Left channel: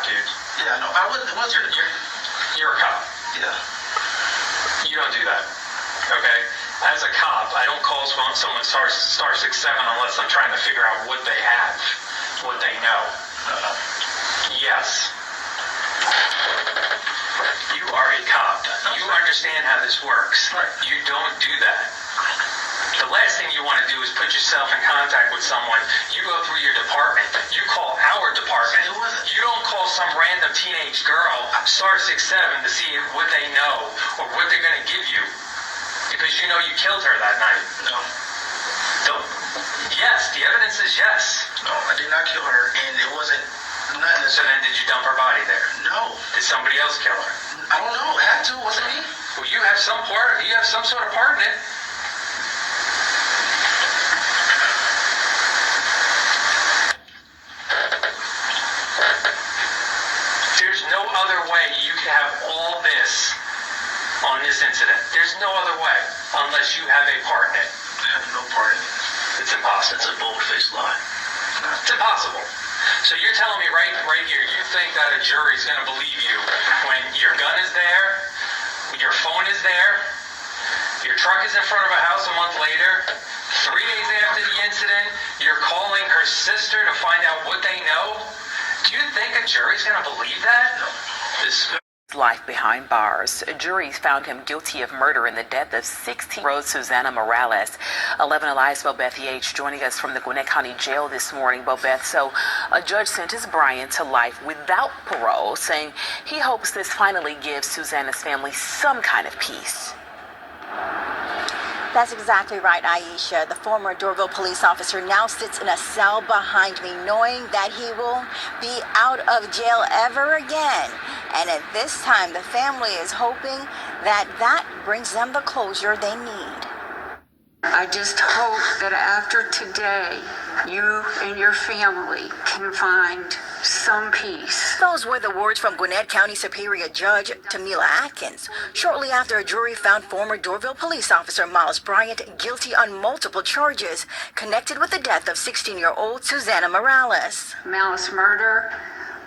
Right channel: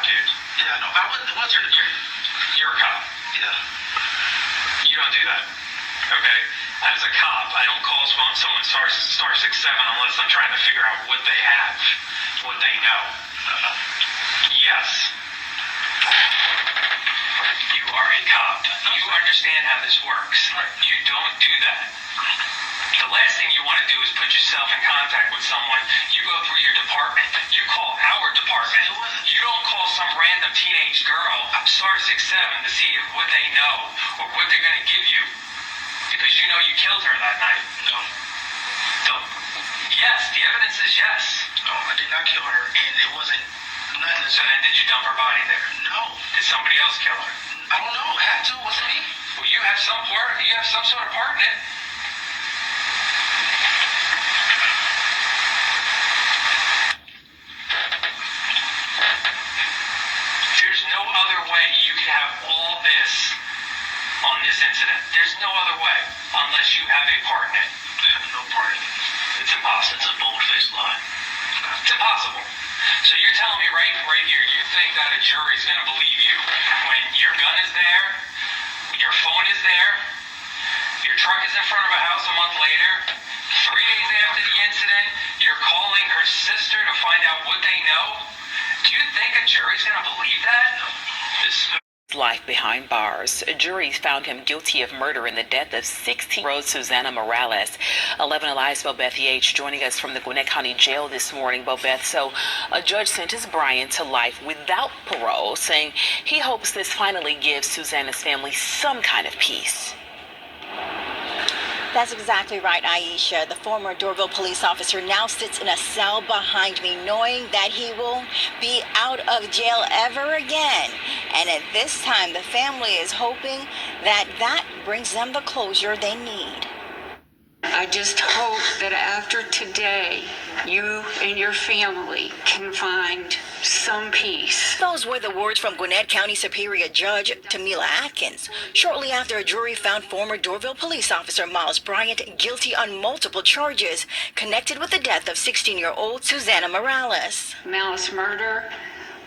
cop, dude. Yeah, no, I wouldn't. What's your? You're a cop. Yeah. You don't do that. Okay? As a cop, I don't call someone star 67 unless I'm trying to figure out what they have, what they know. Yes. You are a cop. You understand how this works. You don't do that. The last thing you want to do is put yourself in contact with someone. You go through your department. You call our department. You don't call some random teenage girl, star 67, to see what they know or what they're going to give you. Because you know you killed her that night. No. Yes, the evidence is yes. No, I did not kill her, and it wasn't nothing. So then did you dump her body there? No. Did somebody else kill her? I don't know. It had to. It wasn't me. Well, you have some sort of part in it. There's no other way you can have all this on this incident. There's no other way unless you have a part in it. I have no part in it. It's impossible. It's a bold-faced lie. It's impossible. So you're telling me right here, you think that a jury's going to believe you when your gun is there, your phone is there, your truck is in front of a house a month later, 3 days after the incident, you're calling her sister to find out what they know? Do you think a jury's going to believe that? No. Life behind bars. A jury found him guilty of murder in the death of 16-year-old SASANA Morales. 11 Alive's Bobeth H. joining us from the Gwinnett County Jail this morning. Bobeth, so a judge sentenced Bryant to life without parole, saying he hopes this finally gives SASANA's family some kind of peace. That's exactly right, Aisha. The former Dorville police officer now sits in a cell behind me, knowing that he will be out of jail ever again. And at this time, the family is hoping that brings them the closure they need. I just hope that after today, you and your family can find some peace. Those were the words from Gwinnett County Superior Judge Tamila Atkins, shortly after a jury found former Dorville police officer Miles Bryant guilty on multiple charges connected with the death of 16-year-old SASANA Morales. Malice murder,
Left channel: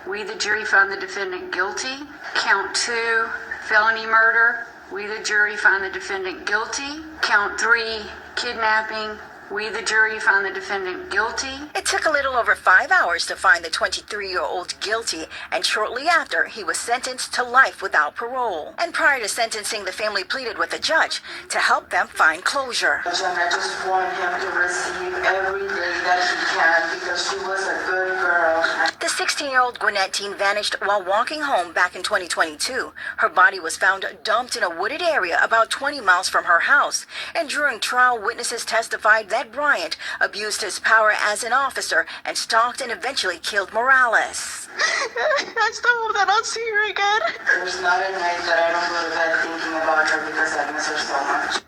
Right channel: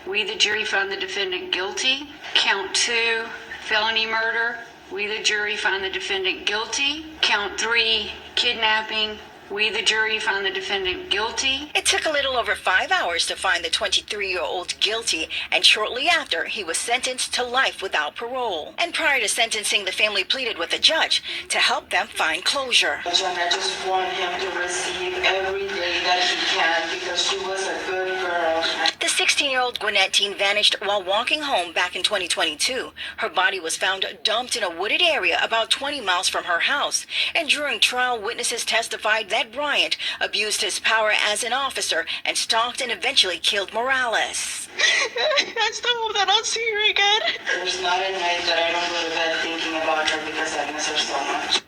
we the jury found the defendant guilty. Count 2, felony murder, we the jury found the defendant guilty. Count 3, kidnapping, we the jury found the defendant guilty. It took a little over 5 hours to find the 23-year-old guilty, and shortly after, he was sentenced to life without parole. And prior to sentencing, the family pleaded with the judge to help them find closure. And I just want him to receive every day that he can because she was a good girl. The 16-year-old Gwinnett teen vanished while walking home back in 2022. Her body was found dumped in a wooded area about 20 miles from her house. And during trial, witnesses testified that Bryant abused his power as an officer and stalked and eventually killed Morales. I still hope that I'll see her again. There's not a night that I don't go to bed thinking about her because I miss her so much.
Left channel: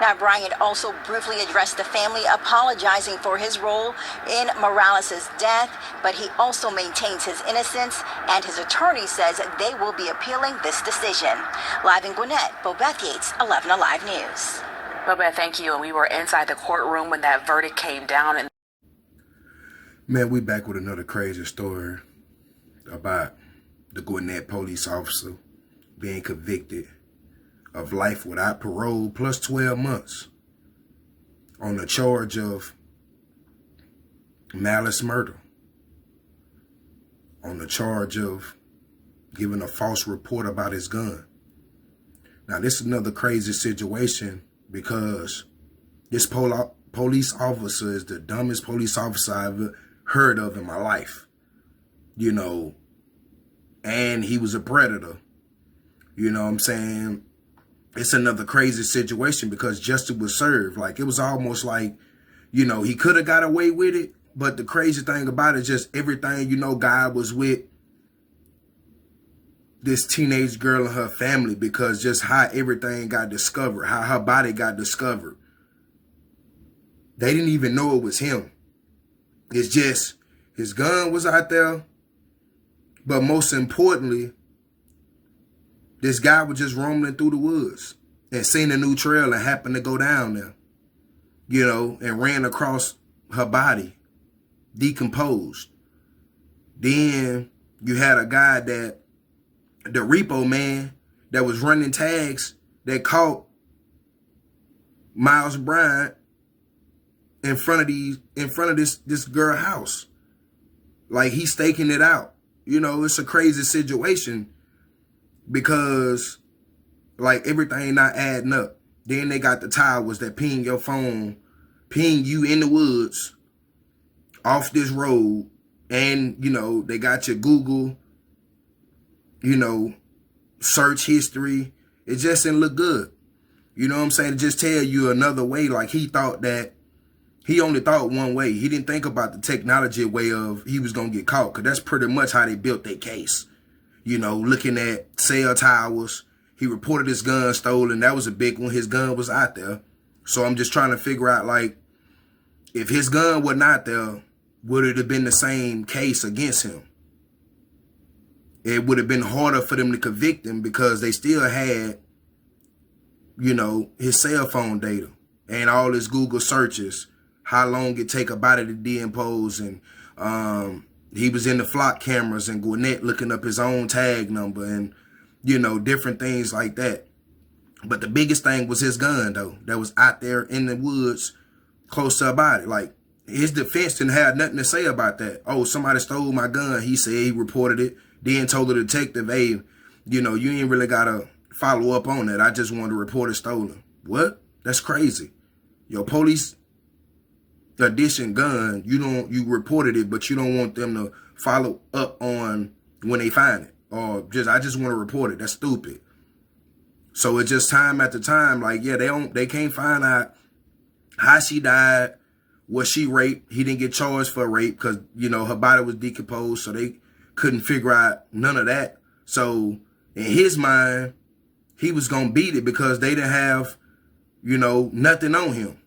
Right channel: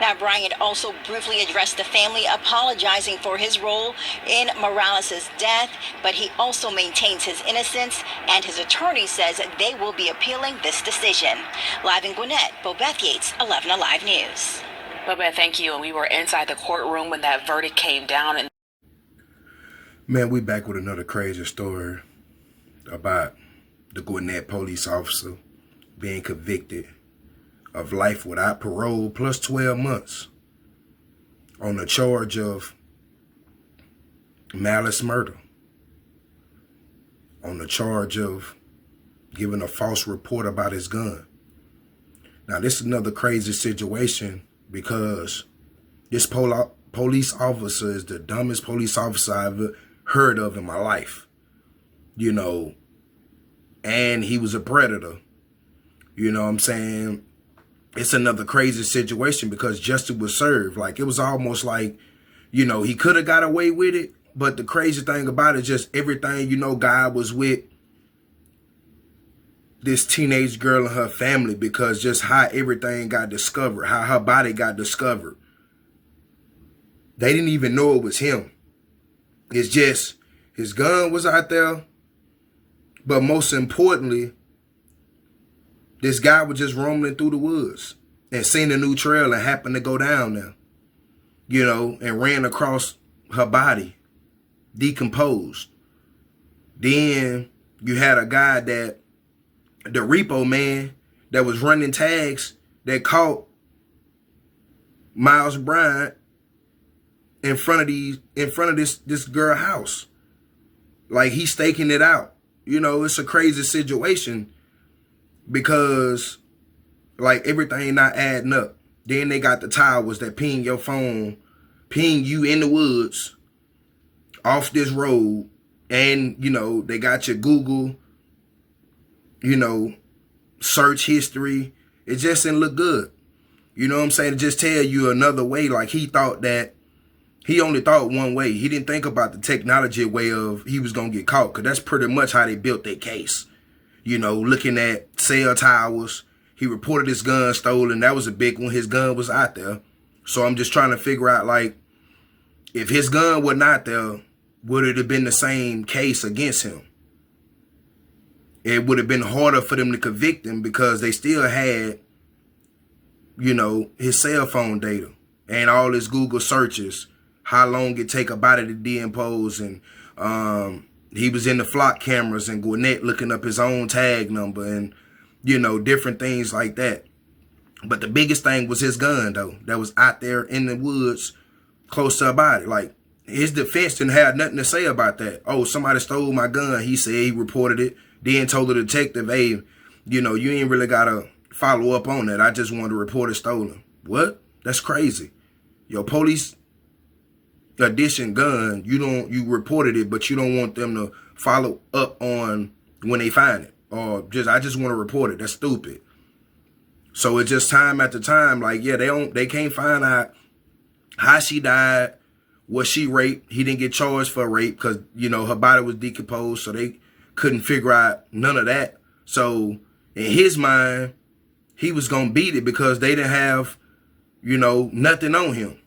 Now, Bryant also briefly addressed the family, apologizing for his role in Morales' death, but he also maintains his innocence, and his attorney says they will be appealing this decision. Live in Gwinnett, Bobeth Yates, 11 Alive News. Bobeth, thank you. And we were inside the courtroom when that verdict came down. And man, we back with another crazy story about the Gwinnett police officer being convicted of life without parole plus 12 months on the charge of malice murder, on the charge of giving a false report about his gun. Now, this is another crazy situation because this police officer is the dumbest police officer I've ever heard of in my life, you know, and he was a predator, you know what I'm saying? It's another crazy situation because justice was served. Like, it was almost like, you know, he could have got away with it. But the crazy thing about it is just everything, you know, God was with this teenage girl and her family because just how everything got discovered, how her body got discovered. They didn't even know it was him. It's just his gun was out there. But most importantly, this guy was just roaming through the woods and seen a new trail and happened to go down there, you know, and ran across her body, decomposed. Then you had a guy that, the repo man that was running tags that caught Miles Bryant in front of this girl house. Like, he's staking it out. You know, it's a crazy situation because, like, everything not adding up. Then they got the towers that ping your phone, ping you in the woods off this road. And, you know, they got your Google, you know, search history. It just didn't look good. You know what I'm saying? To just tell you another way. Like, he only thought one way. He didn't think about the technology way of he was going to get caught. Because that's pretty much how they built their case. You know, looking at cell towers. He reported his gun stolen. That was a big one. His gun was out there. So I'm just trying to figure out, like, if his gun was not there, would it have been the same case against him? It would have been harder for them to convict him because they still had, you know, his cell phone data and all his Google searches, how long it take a body to decompose, and he was in the flock cameras and Gwinnett looking up his own tag number and, you know, different things like that. But the biggest thing was his gun, though, that was out there in the woods close to a body. Like, his defense didn't have nothing to say about that. Oh, somebody stole my gun. He said he reported it. Then told the detective, hey, you know, you ain't really got to follow up on that. I just wanted to report it stolen. What? That's crazy. Your police edition gun, you reported it, but you don't want them to follow up on when they find it. Or I just want to report it. That's stupid. So it's just time after time, like, yeah, they can't find out how she died. Was she raped? He didn't get charged for rape because, you know, her body was decomposed, so they couldn't figure out none of that. So in his mind, he was going to beat it because they didn't have, you know, nothing on him.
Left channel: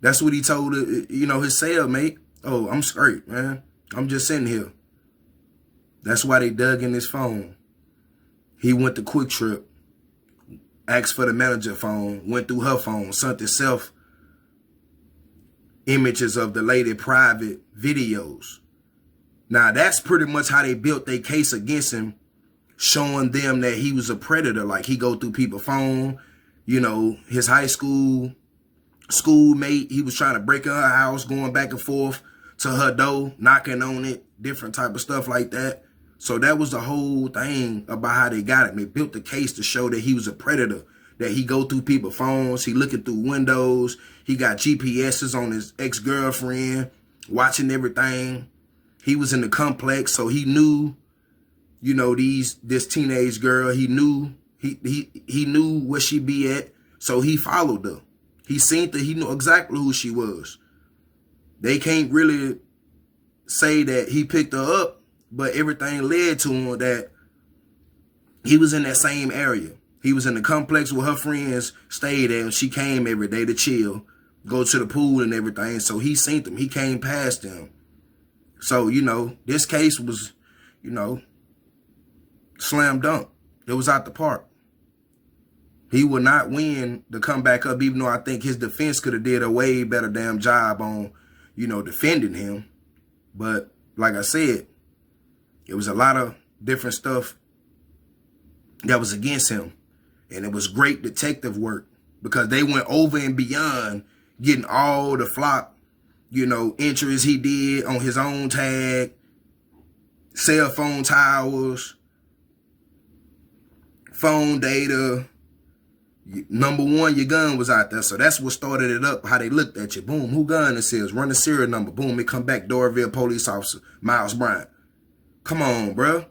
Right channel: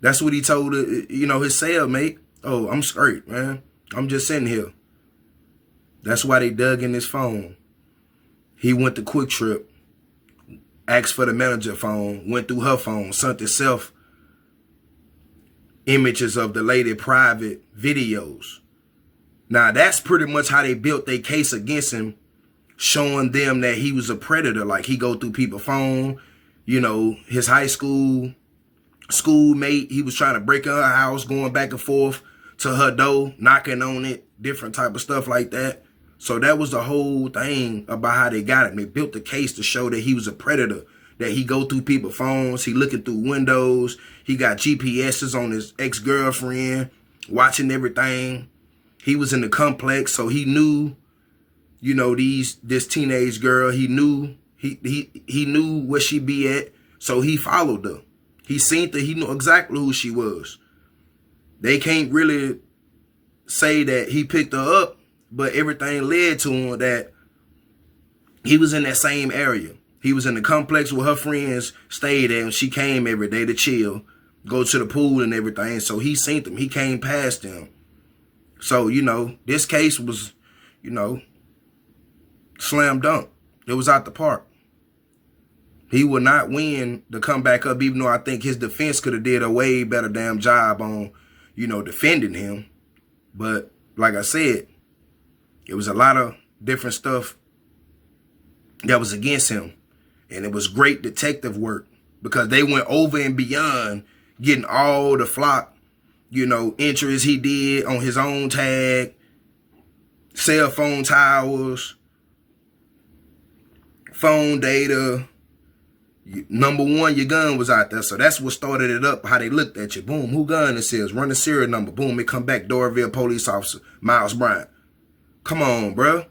That's what he told, you know, his cellmate. Oh, I'm straight, man. I'm just sitting here. That's why they dug in his phone. He went to Quick Trip, asked for the manager phone, went through her phone, sent himself images of the lady private videos. Now, that's pretty much how they built their case against him, showing them that he was a predator. Like, he go through people's phone, you know, his high schoolmate, he was trying to break in her house, going back and forth to her door, knocking on it, different type of stuff like that. So that was the whole thing about how they got him. They built the case to show that he was a predator, that he go through people's phones, he looking through windows, he got GPSs on his ex-girlfriend, watching everything. He was in the complex, so he knew, you know, this teenage girl. He knew he knew where she be at, so he followed her. He seen her. He knew exactly who she was. They can't really say that he picked her up, but everything led to him that he was in that same area. He was in the complex where her friends stayed at, and she came every day to chill, go to the pool and everything. So he seen them. He came past them. So, you know, this case was, you know, slam dunk. It was out the park. He would not win to come back up, even though I think his defense could have did a way better damn job on, you know, defending him. But like I said, it was a lot of different stuff that was against him. And it was great detective work because they went over and beyond getting all the flock, you know, entries he did on his own tag, cell phone towers, phone data. Number one, your gun was out there. So that's what started it up, how they looked at you. Boom, who gun this is? Run the serial number. Boom, it come back, DORAVILLE police officer, Miles Bryant. Come on, bro.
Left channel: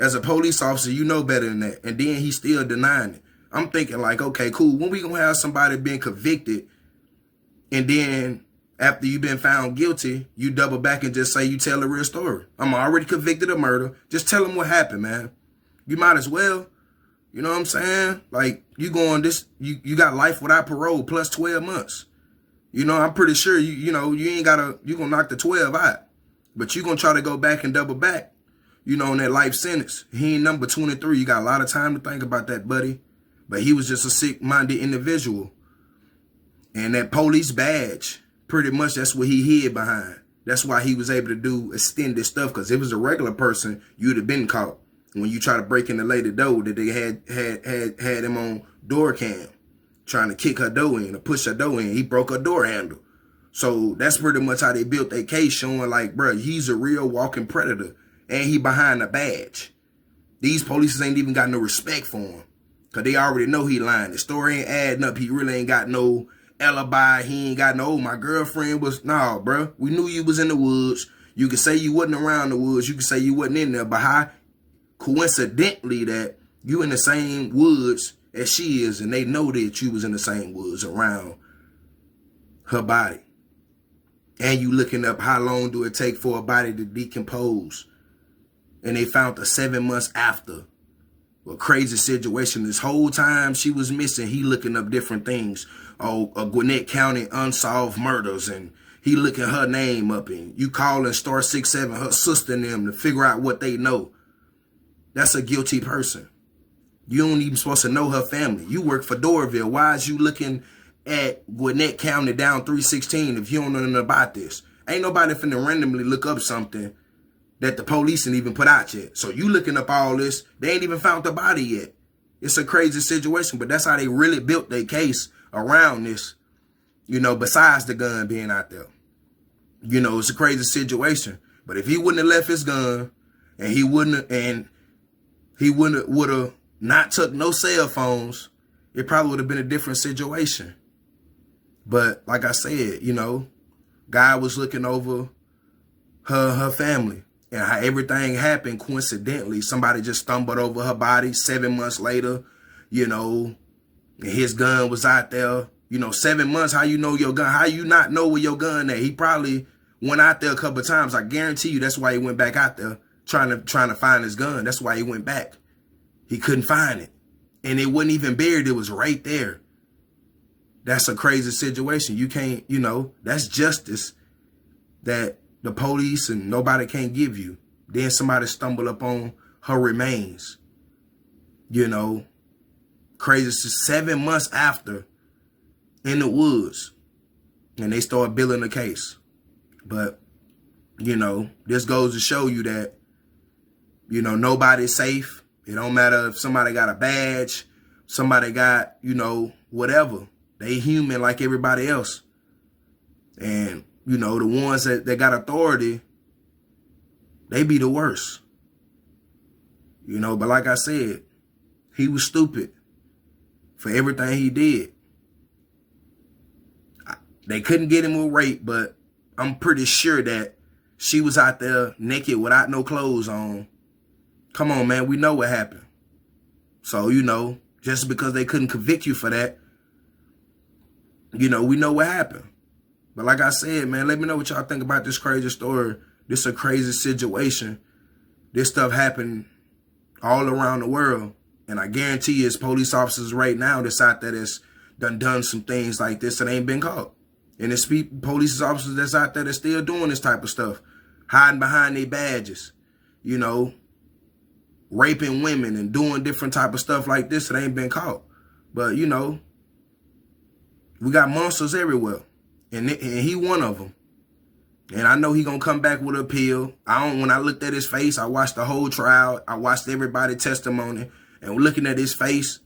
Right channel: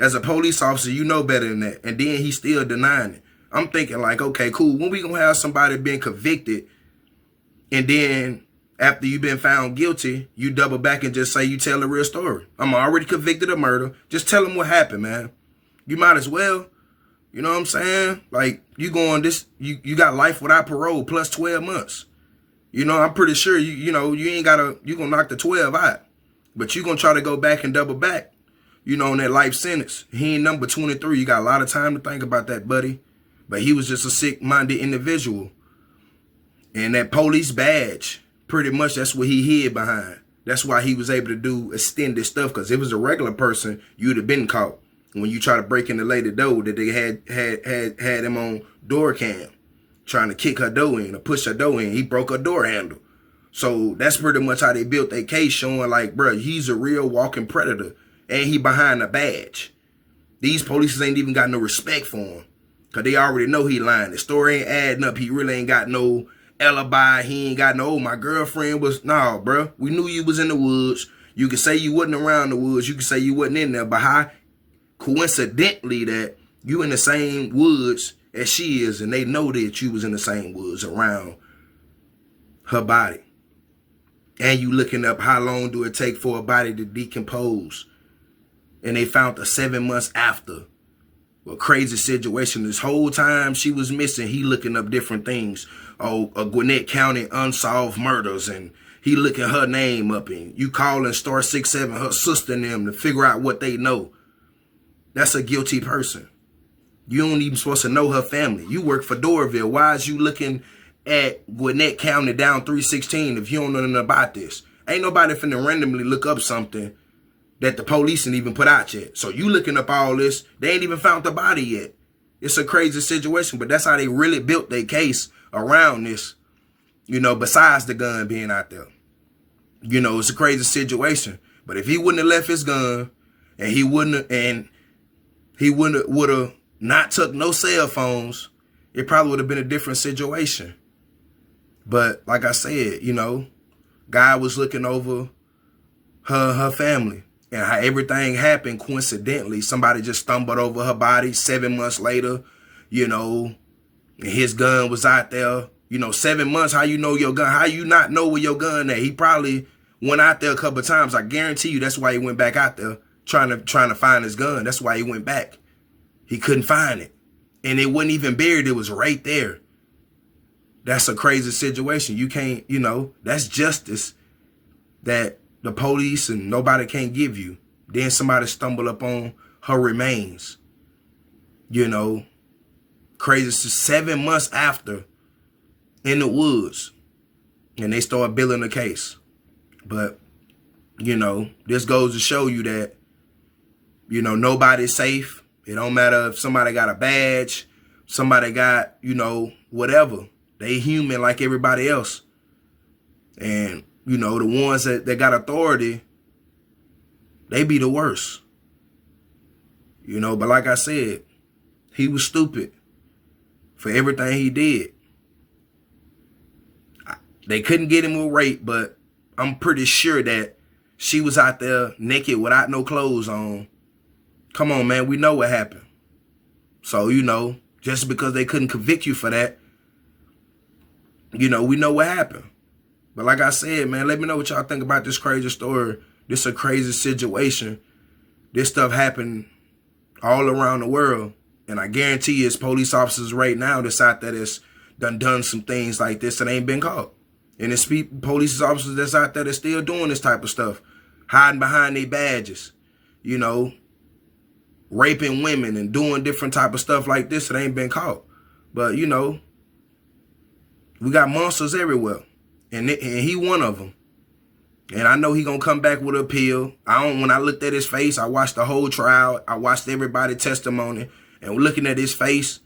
As a police officer, you know better than that. And then he's still denying it. I'm thinking like, okay, cool. When we gonna have somebody being convicted and then after you've been found guilty, you double back and just say you tell the real story? I'm already convicted of murder. Just tell them what happened, man. You might as well. You know what I'm saying? Like, you going this, you got life without parole plus 12 months. You know, I'm pretty sure you ain't gotta, you gonna knock the 12 out. But you gonna try to go back and double back, you know, on that life sentence. He ain't number 23. You got a lot of time to think about that, buddy. But he was just a sick-minded individual. And that police badge, pretty much that's what he hid behind. That's why he was able to do extended stuff, because if it was a regular person, you'd have been caught. When you try to break in the lady door, that they had him on door cam, trying to kick her door in or push her door in. He broke her door handle. So that's pretty much how they built their case, showing like, bro, he's a real walking predator. And he behind a badge. These police ain't even got no respect for him, because they already know he lying. The story ain't adding up. He really ain't got no alibi. He ain't got no, oh, my girlfriend was, nah, bro. We knew you was in the woods. You could say you wasn't around the woods. You could say you wasn't in there. But how coincidentally that you in the same woods as she is, and they know that you was in the same woods around her body. And you looking up how long do it take for a body to decompose. And they found her 7 months after. A crazy situation. This whole time she was missing, he looking up different things. Oh, Gwinnett County unsolved murders, and he looking her name up, and you calling star 67 her sister and them to figure out what they know. That's a guilty person. You don't even supposed to know her family. You work for DORAVILLE. Why is you looking at Gwinnett County down 316 if you don't know nothing about this? Ain't nobody finna randomly look up something that the police ain't even put out yet. So you looking up all this, they ain't even found the body yet. It's a crazy situation, but that's how they really built their case around this, you know, besides the gun being out there. You know, it's a crazy situation. But if he wouldn't have left his gun, and he would have not took no cell phones, it probably would have been a different situation. But like I said, you know, God was looking over her family. And how everything happened coincidentally. Somebody just stumbled over her body 7 months later, you know, and his gun was out there. You know, 7 months, how you know your gun? How you not know where your gun at? He probably went out there a couple of times. I guarantee you that's why he went back out there trying to find his gun. That's why he went back. He couldn't find it. And it wasn't even buried. It was right there. That's a crazy situation. You can't, you know, that's justice that the police and nobody can't give you. Then somebody stumble up on her remains. You know, crazy. 7 months after, in the woods, and they start building a case. But, you know, this goes to show you that, you know, nobody's safe. It don't matter if somebody got a badge, somebody got, you know, whatever. They human like everybody else. And, you know, the ones that got authority, they be the worst. You know, but like I said, he was stupid for everything he did. They couldn't get him with rape, but I'm pretty sure that she was out there naked without no clothes on. Come on, man, we know what happened. So, you know, just because they couldn't convict you for that, you know, we know what happened. But like I said, man, let me know what y'all think about this crazy story. This is a crazy situation. This stuff happened all around the world. And I guarantee you it's police officers right now that's out there that's done some things like this and ain't been caught. And it's police officers that's out there that's still doing this type of stuff. Hiding behind their badges. You know, raping women and doing different type of stuff like this that ain't been caught. But, you know, we got monsters everywhere. And he one of them. And I know he gonna come back with an appeal. When I looked at his face, I watched the whole trial. I watched everybody's testimony. And looking at his face,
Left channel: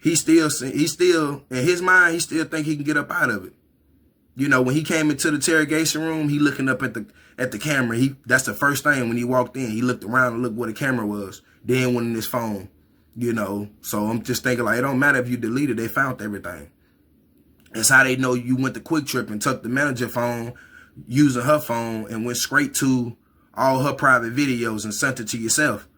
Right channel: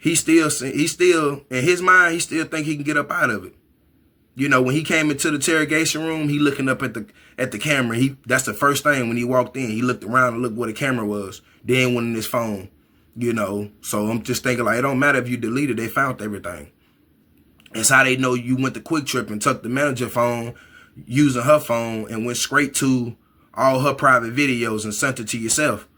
he still, in his mind, he still think he can get up out of it. You know, when he came into the interrogation room, he looking up at the camera. That's the first thing when he walked in. He looked around and looked where the camera was. Then went in his phone, you know. So I'm just thinking, like, it don't matter if you deleted, they found everything. That's how they know you went to Quick Trip and took the manager phone, using her phone, and went straight to all her private videos and sent it to yourself.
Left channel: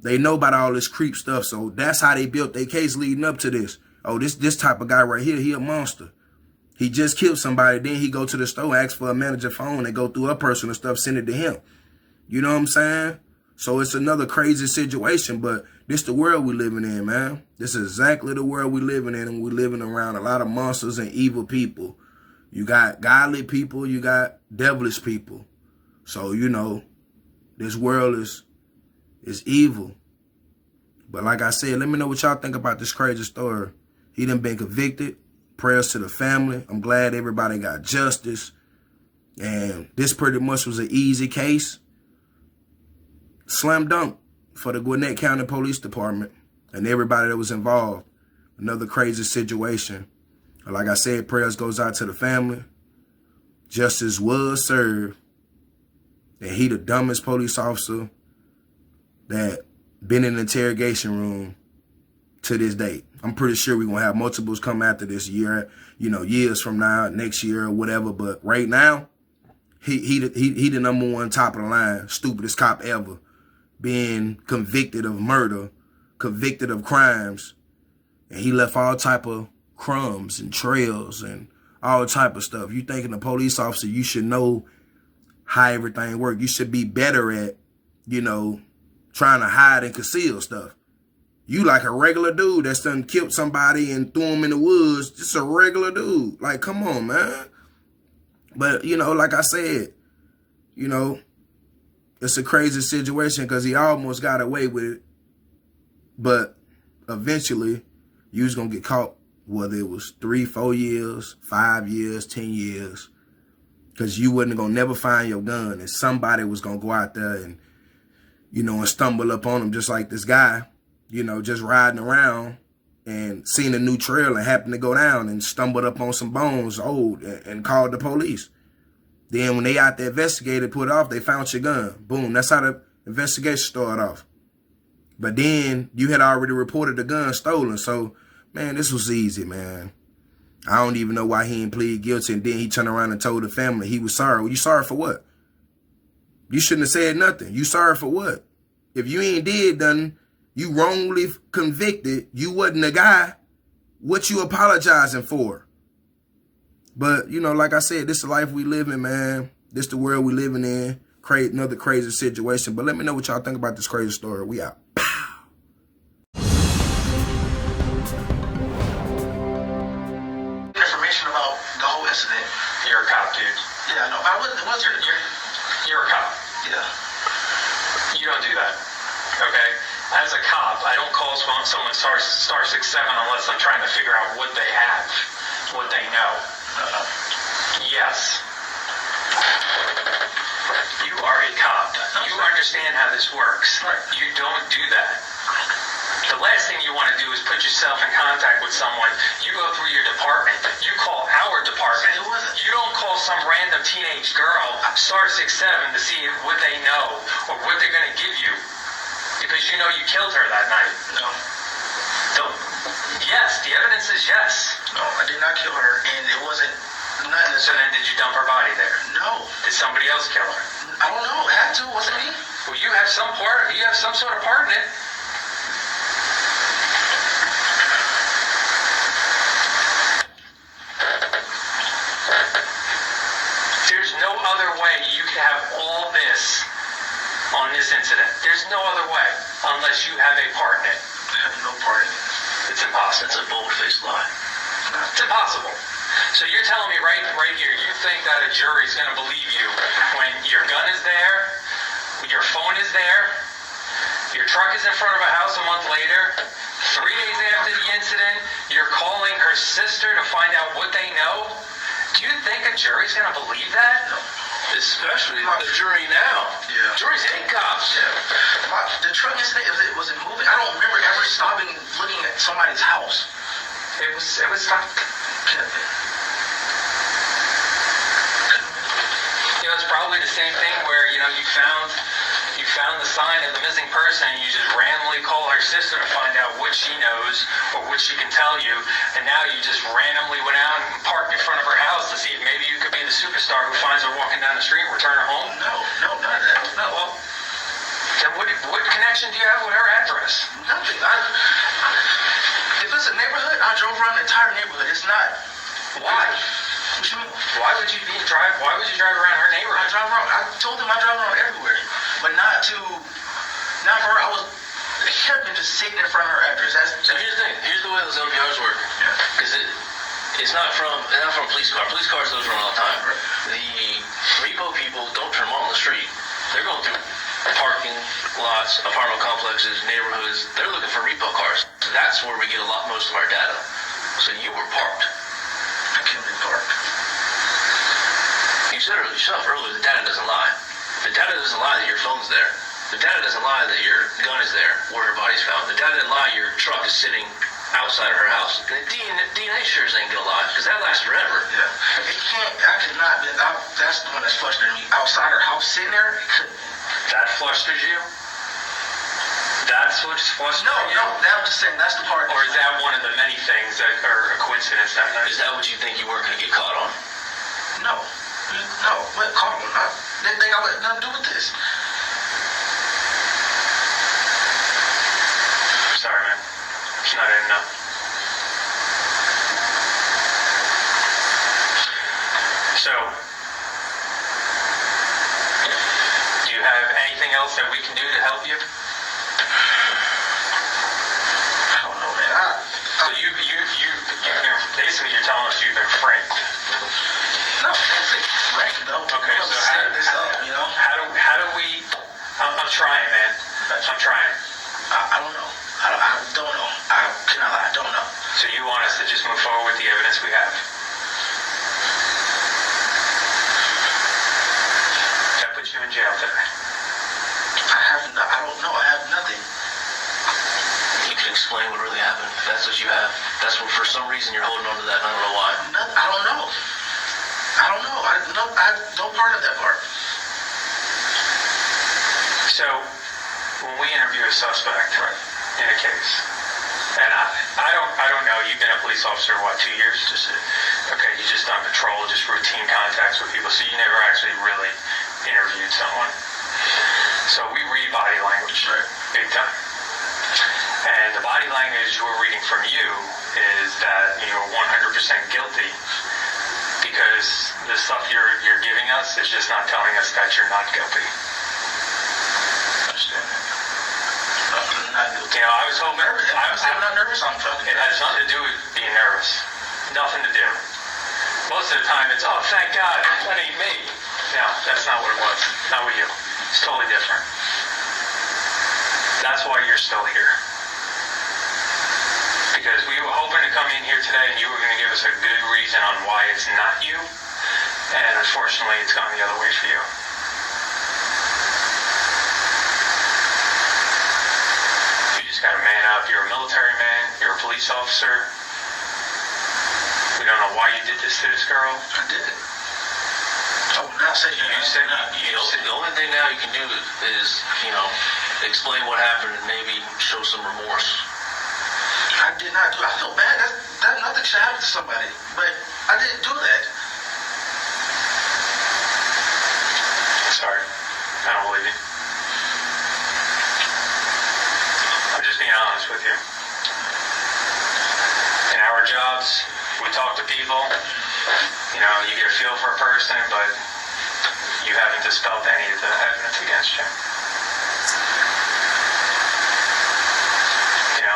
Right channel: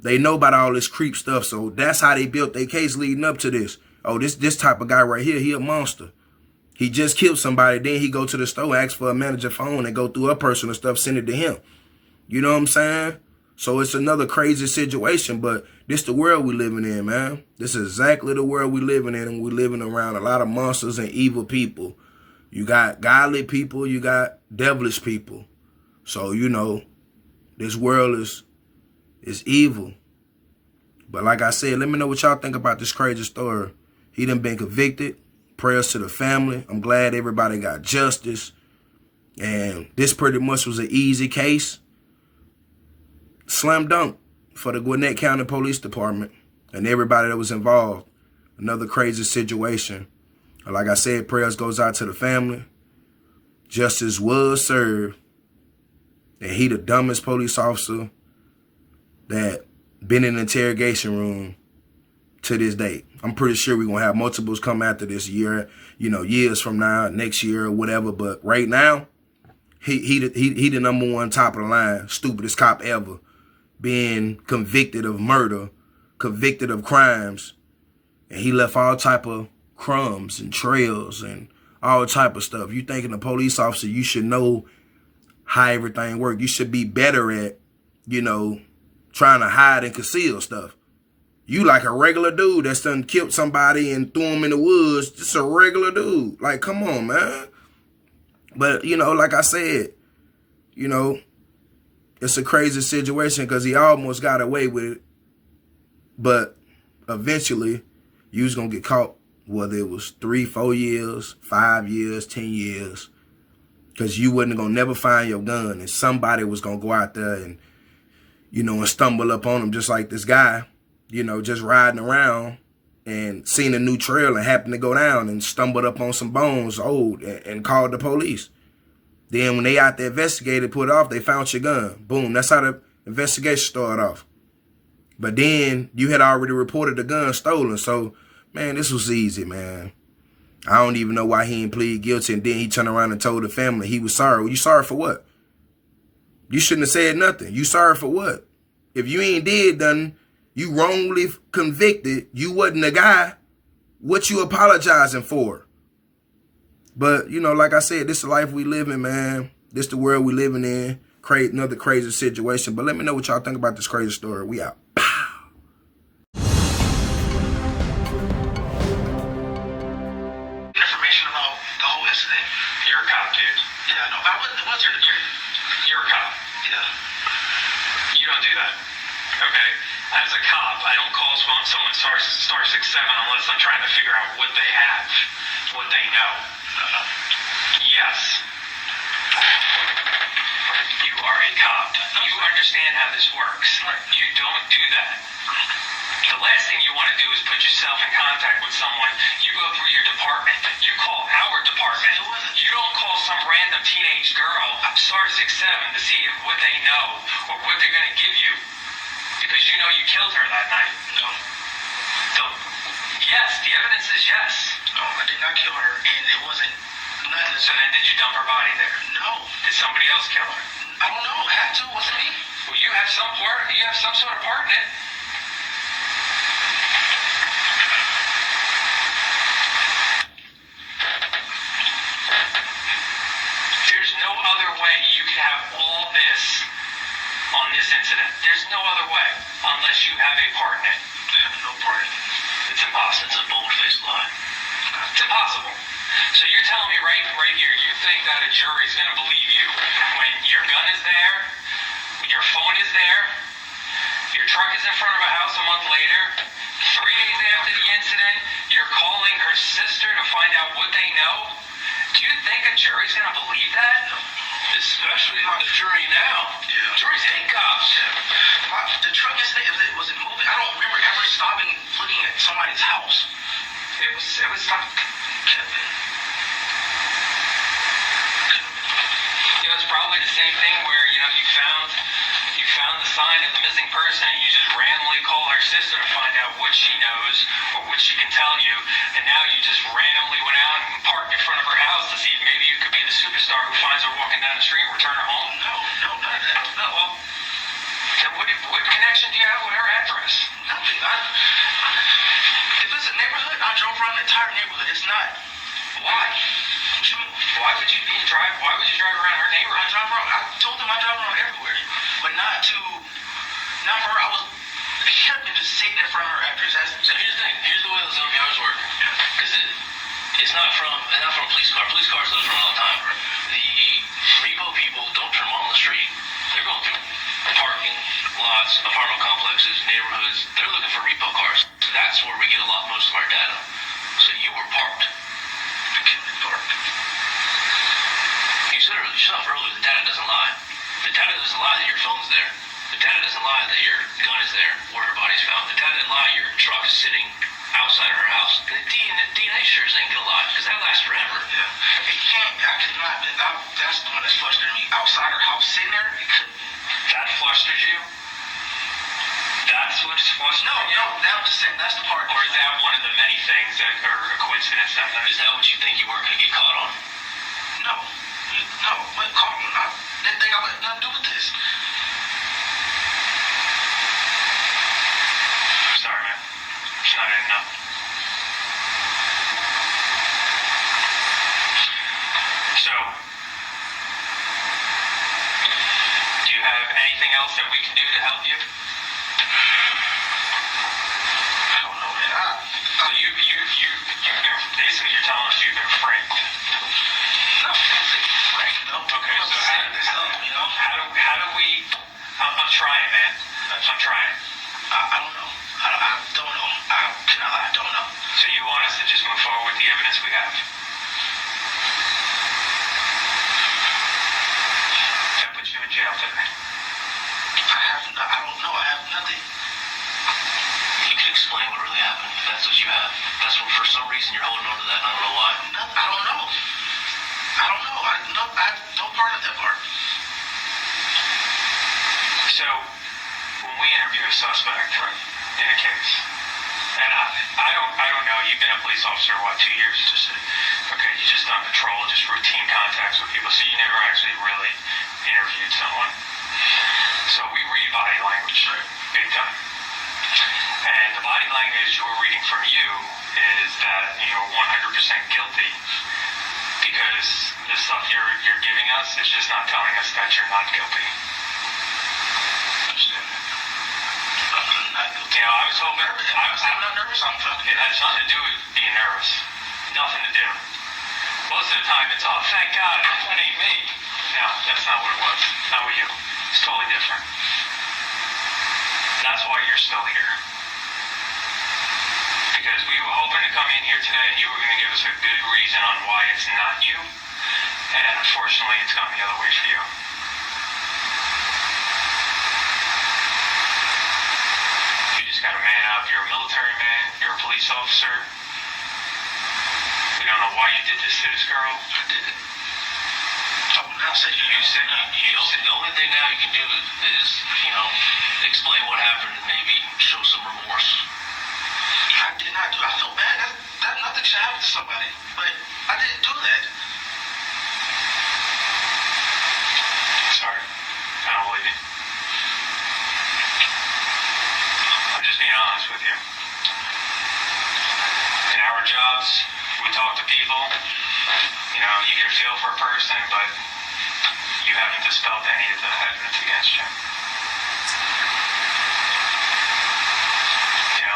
They know about all this creep stuff, so that's how they built their case leading up to this. Oh, this type of guy right here, he a monster. He just killed somebody, then he go to the store, ask for a manager phone, and go through her personal stuff, send it to him. You know what I'm saying? So it's another crazy situation, but this the world we living in, man. This is exactly the world we living in, and we living around a lot of monsters and evil people. You got godly people, you got devilish people. So, you know, this world is evil. But like I said, let me know what y'all think about this crazy story. He done been convicted. Prayers to the family. I'm glad everybody got justice. And this pretty much was an easy case. Slam dunk for the Gwinnett County Police Department and everybody that was involved. Another crazy situation. Like I said, prayers goes out to the family. Justice was served. And he the dumbest police officer that been in the interrogation room to this date. I'm pretty sure we're going to have multiples come after this year, years from now, next year or whatever. But right now, he the number one top of the line, stupidest cop ever, being convicted of murder, convicted of crimes. And he left all type of crumbs and trails and all type of stuff. You thinking a police officer, you should know how everything works. You should be better at, trying to hide and conceal stuff. You like a regular dude that's done killed somebody and threw him in the woods. Just a regular dude. Like, come on, man. But, like I said, it's a crazy situation because he almost got away with it. But eventually, you was going to get caught, whether it was 3, 4 years, 5 years, 10 years. Because you wasn't going to never find your gun. And somebody was going to go out there and, and stumble up on him just like this guy, just riding around and seen a new trail and happened to go down and stumbled up on some bones and called the police. Then when they out there investigated, put it off, they found your gun. Boom. That's how the investigation started off. But then you had already reported the gun stolen. So, man, this was easy, man. I don't even know why he didn't plead guilty. And then he turned around and told the family he was sorry. Well, you sorry for what? You shouldn't have said nothing. You sorry for what? If you ain't did nothing, you wrongly convicted, you wasn't the guy, what you apologizing for? But, like I said, this is the life we live in, man. This the world we living in. Another crazy situation. But let me know what y'all think about this crazy story. We out. Information about the whole incident. You're a cop, dude. Yeah, no, I wasn't. You're a cop. Yeah. You don't do that. Okay? As a cop, I don't call someone star 67 unless I'm trying to figure out what they have, what they know. Yes. You are a cop. You understand how this works. You don't do that. The last thing you want to do is put yourself in contact with someone. You go through your department. You call our department. You don't call some random teenage girl star 67 to see what they know or what they're going to give you. Because you know you killed her that night. No. Yes, the evidence is yes. No, I did not kill her, and it wasn't nothing. So then did you dump her body there? No. Did somebody else kill her? I don't know. It had to. It wasn't me. Well, you have some sort of part in it. There's no other way you can have all this on this incident. There's no other way unless you have a part in it. I have no part in it. It's impossible. It's a bold-faced lie. It's impossible. So you're telling me right here, you think that a jury's going to believe you when your gun is there, your phone is there, your truck is in front of a house a month later, 3 days after the incident, you're calling her sister to find out what they know? Do you think a jury's going to believe that? No. Especially the jury now. Yeah. Juries hate cops. Yeah. The truck incident, it wasn't moving. I don't remember ever stopping looking at somebody's house. It was not. It's probably the same thing where, you found the sign of the missing person and you just randomly call her sister to find out what she knows or what she can tell you, and now you just randomly went out and parked in front of her house to see if maybe you could be the superstar who finds her walking down the street and return her home? No, none of that. No, well, then what connection do you have with her address? Nothing. If it's a neighborhood, I drove around the entire neighborhood. It's not. Why? What you mean? Why would you drive around her neighborhood? I told them I drive around everywhere, but not for her. It should have been just sitting in front of her address. So here's the thing. Here's the way those LPRs work. Because it's not from police cars. Police cars those run all the time. The repo people don't turn them on the street. They're going through parking lots, apartment complexes, neighborhoods. They're looking for repo cars. So that's where we get most of our data. So you were parked. I can't be parked. You said yourself earlier, the data doesn't lie. The data doesn't lie that your phone's there. The data doesn't lie that your gun is there, where her body's found. The data doesn't lie your truck is sitting outside of her house. The DNA sure ain't gonna lie, because that lasts forever. Yeah. It can't, I cannot, that's the one that's frustrating me. Outside her house, sitting there, it couldn't. That flusters you? That's what's frustrating you? No, I'm just saying, that's the part. Or is that one of the many things that are a coincidence that night? Is that what you think you weren't gonna get caught on? No, what caught on? They think I had nothing to do with this. Sorry, man. It's not enough. So, do you have anything else that we can do to help you? I don't know, man. So you've been, basically you're telling us you've been framed. No, that's it. Right, though. Okay, so how do we, I'm trying, man. I'm trying. I don't know. I don't know. I don't know. So you want us to just move forward with the evidence we have? That puts you in jail today. I don't know. I have nothing. You can explain what really happened. If that's what you have. That's what, for some reason, you're holding on to that, and I don't know why. I don't know. I have no part of that part. So, when we interview a suspect in a case, and I don't know, you've been a police officer, what, 2 years? Okay, you just on patrol, just routine contacts with people, so you never actually really interviewed someone. So we read body language, big time. And the body language we're reading from you is that you're 100% guilty, because the stuff you're giving us is just not telling us that you're not guilty. Understand? I'm not guilty. You know, I was hoping. I'm not nervous. I'm fucking. It has nothing to do with being nervous. Nothing to do. Most of the time it's, oh, thank God, that ain't me. No, that's not what it was. Not with you. It's totally different. That's why you're still here. Because we were hoping to come in here today and you were going to give us a good reason on why it's not you. And unfortunately, it's gone the other way for you. You just got to man up. You're a military man. You're a police officer. We don't know why you did this to this girl. I did it. So now say the only thing now you can do is, explain what happened and maybe show some remorse. I did not do it. I feel bad. That nothing should happen to somebody. But I didn't do that. Sorry. I don't believe you. I'm just being honest with you. In our jobs, we talk to people. You get a feel for a person, but you haven't dispelled any of the evidence against you.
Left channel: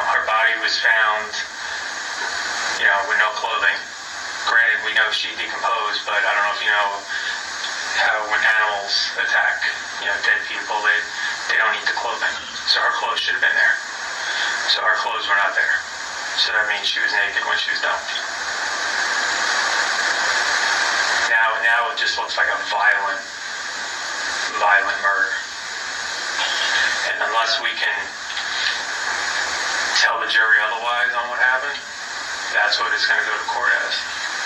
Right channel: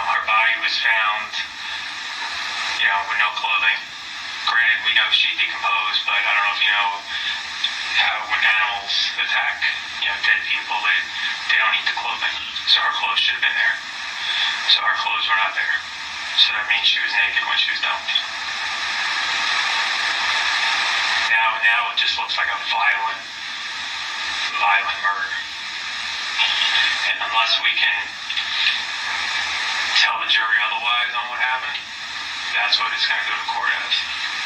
Her body was found, with no clothing. Granted, we know she decomposed, but I don't know if you know how when animals attack, dead people, they don't eat the clothing. So her clothes should have been there. So her clothes were not there. So that means she was naked when she was dumped. Now it just looks like a violent murder. And unless we can tell the jury otherwise on what happened, that's what it's going to go to court as.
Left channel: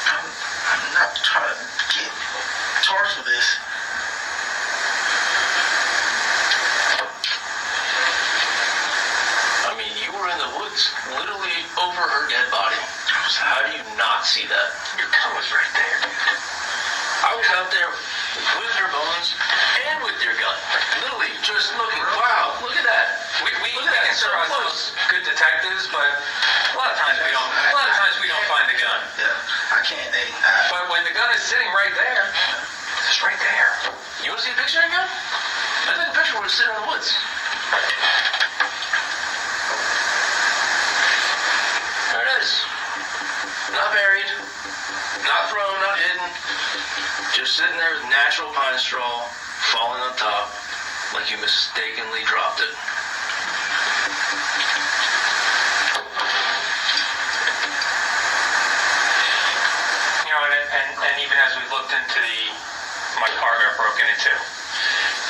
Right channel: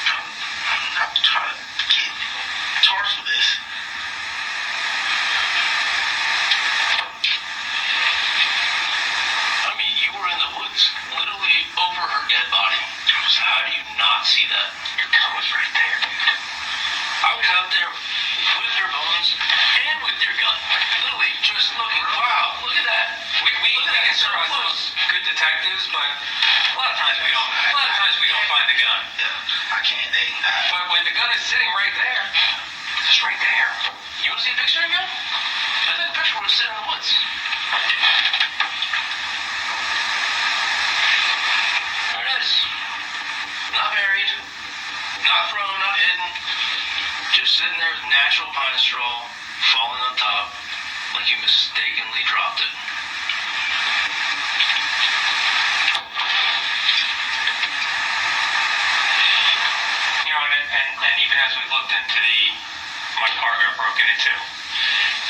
I'm not trying to get charged for this. I mean, you were in the woods, literally over her dead body. How do you not see that? Your gun was right there, dude. I was out there with her bones and with your gun. Literally, just looking. Wow, look at that. We got so close. Good detectives, but a lot of times we don't find the gun. Yeah, I can't. But when the gun is sitting right there, it's right there. You want to see a picture of your gun? I think the picture was sitting in the woods. There it is. Not buried, not thrown, not hidden. Just sitting there with natural pine straw falling on top like you mistakenly dropped it. And even as we looked into the my car got broken into.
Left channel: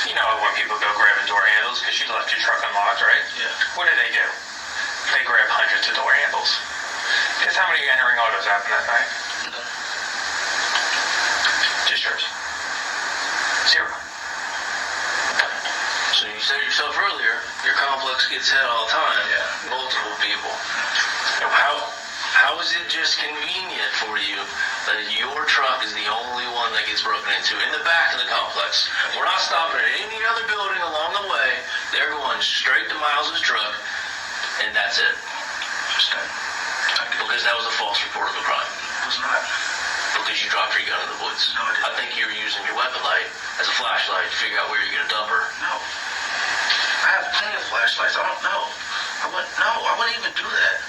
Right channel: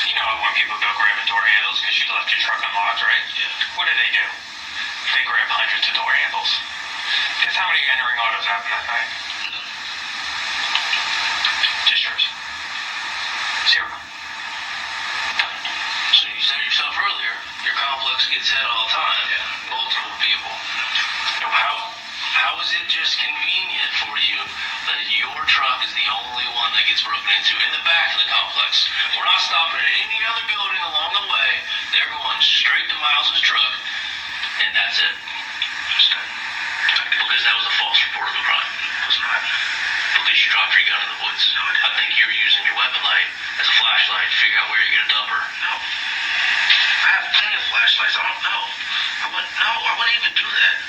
You know when people go grab the door handles because you left your truck unlocked, right? Yeah. What do? They grab hundreds of door handles. Guess how many entering autos happen that night? Just yours. 0. So you said yourself earlier, your complex gets hit all the time. Yeah. Multiple people. How is it just convenient for you that your truck is the only one that gets broken into in the back of the complex? We're not stopping at any other building along the way. They're going straight to Miles' truck, and that's it. Because that was a false report of a crime. It's not. Because you dropped your gun in the woods. I think you were using your weapon light as a flashlight to figure out where you're going to dump her. No. I have plenty of flashlights. I don't know. I wouldn't even do that.